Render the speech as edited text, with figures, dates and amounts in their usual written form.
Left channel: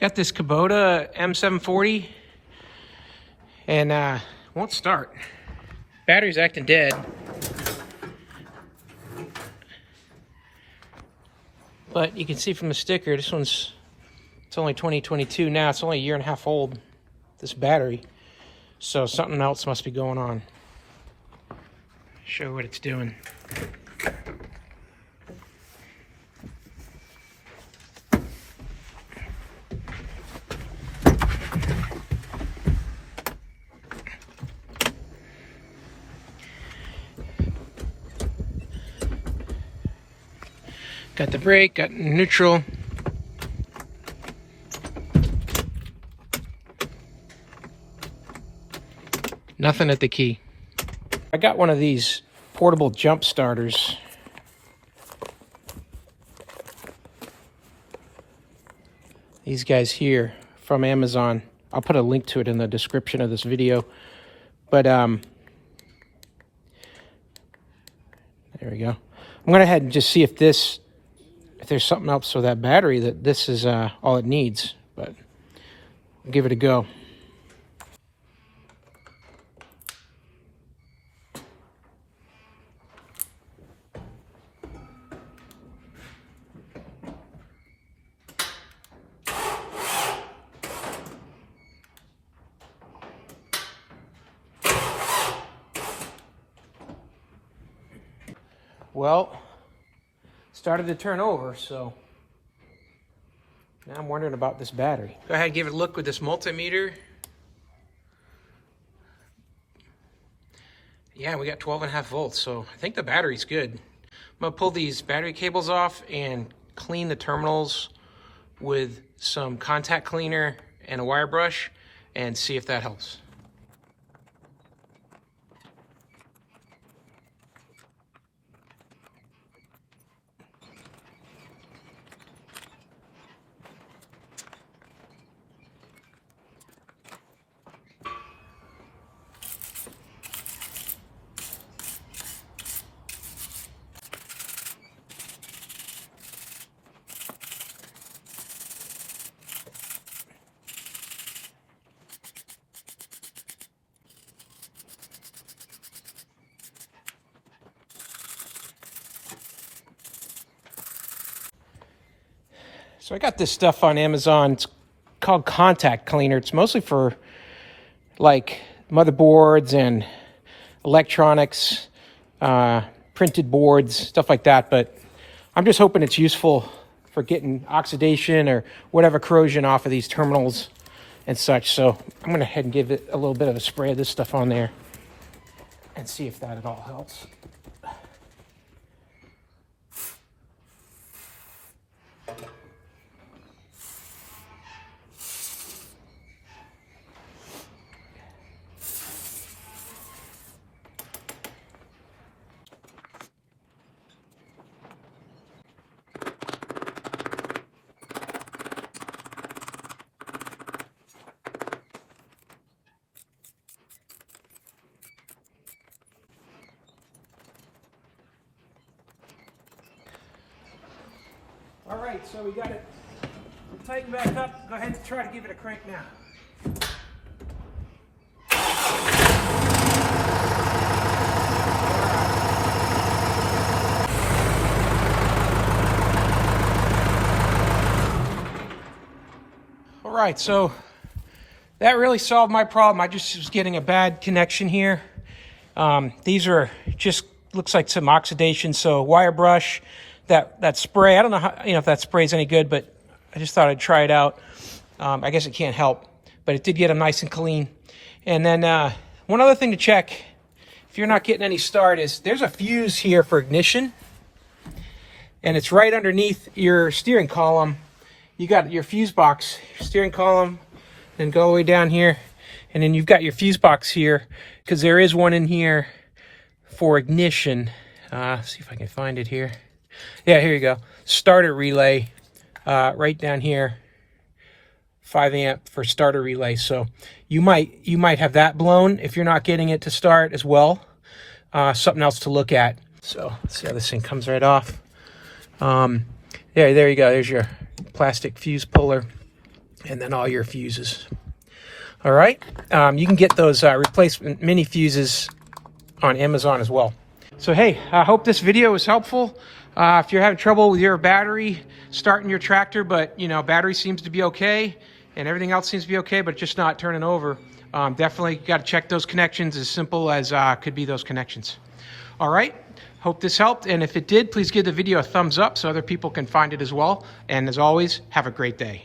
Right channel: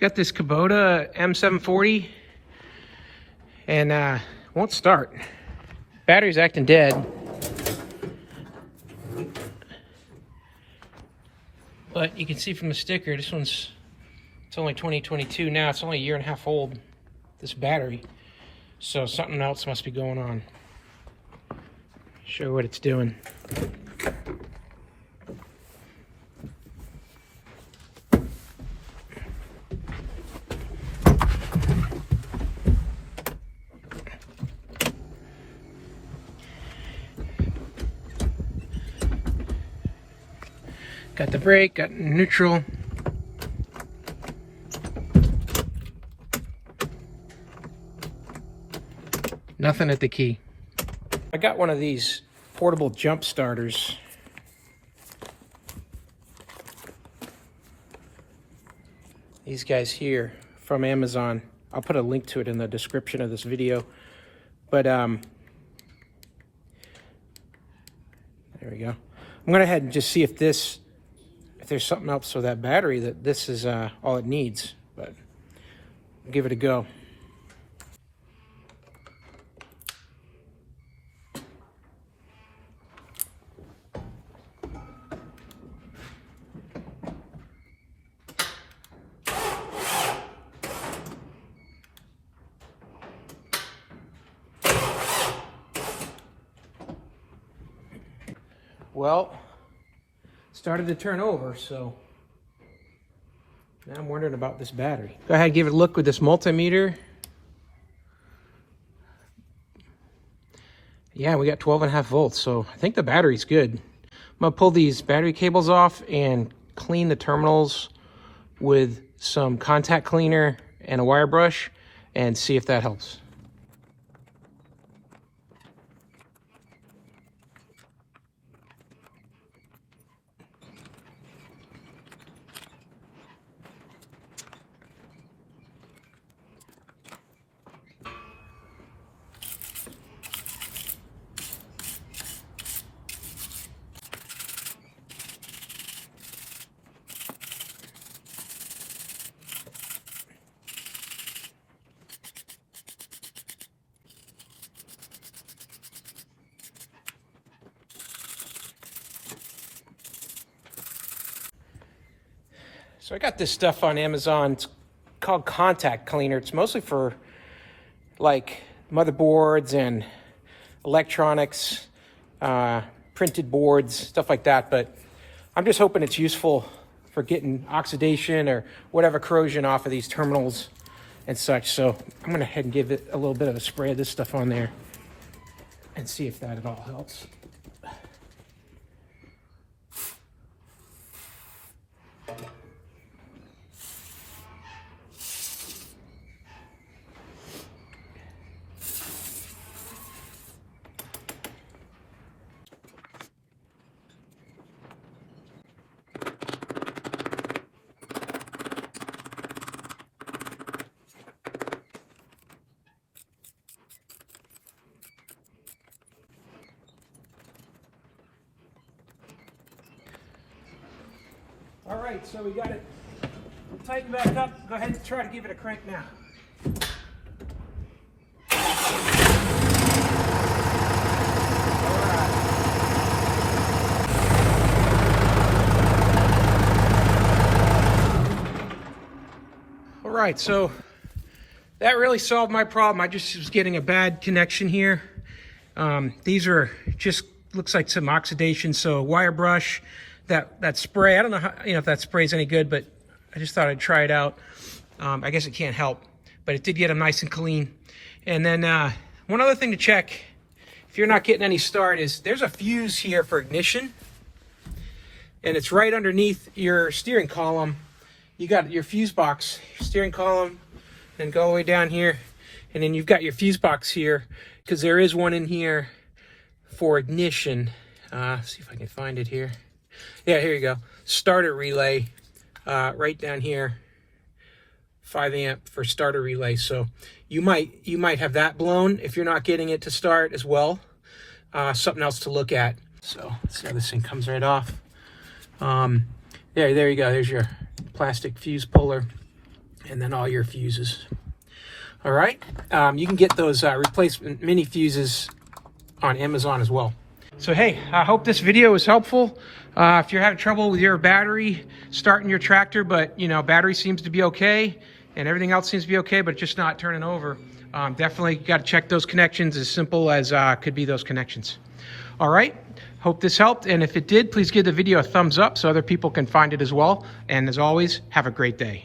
Got this Kubota M740 and won't start. Battery's acting dead. But you can see from the sticker, it's only 2022 now. It's only a year and a half old, this battery. So something else must be going on. Show what it's doing. Got the brake, got neutral. Nothing at the key. I got one of these portable jump starters. These guys here from Amazon. I'll put a link to it in the description of this video. But there we go. I'm gonna go ahead and just see if there's something else with that battery, that this is all it needs, but I'll give it a go. Well, started to turn over, so now I'm wondering about this battery. Go ahead and give it a look with this multimeter. Yeah, we got 12.5 volts, so I think the battery's good. I'm gonna pull these battery cables off and clean the terminals with some contact cleaner and a wire brush and see if that helps. So I got this stuff on Amazon. It's called contact cleaner. It's mostly for like motherboards and electronics, printed boards, stuff like that. But I'm just hoping it's useful for getting oxidation or whatever corrosion off of these terminals and such. So I'm gonna go ahead and give it a little bit of a spray of this stuff on there and see if that at all helps. All right, so we got it tightened back up. Go ahead and try to give it a crank now. All right, so that really solved my problem. I just was getting a bad connection here. These are just, looks like some oxidation, so wire brush. That spray, I don't know how, if that spray is any good, but I just thought I'd try it out. I guess it can't help, but it did get them nice and clean. And then one other thing to check, if you're not getting any start, is there's a fuse here for ignition, and it's right underneath your steering column. You got your fuse box, steering column, and go all the way down here, and then you've got your fuse box here, because there is one in here for ignition. See if I can find it here. Yeah, here you go. Starter relay, right down here. 5 amp for starter relay. So you might have that blown if you're not getting it to start as well. Something else to look at. So let's see how this thing comes right off. There you go. There's your plastic fuse puller. and then all your fuses. All right, you can get those replacement mini fuses on Amazon as well. So hey, I hope this video was helpful. If you're having trouble with your battery starting your tractor, but you know, battery seems to be okay and everything else seems to be okay, but just not turning over, definitely got to check those connections. As simple as could be those connections. All right, hope this helped, and if it did, please give the video a thumbs up so other people can find it as well. And as always, have a great day.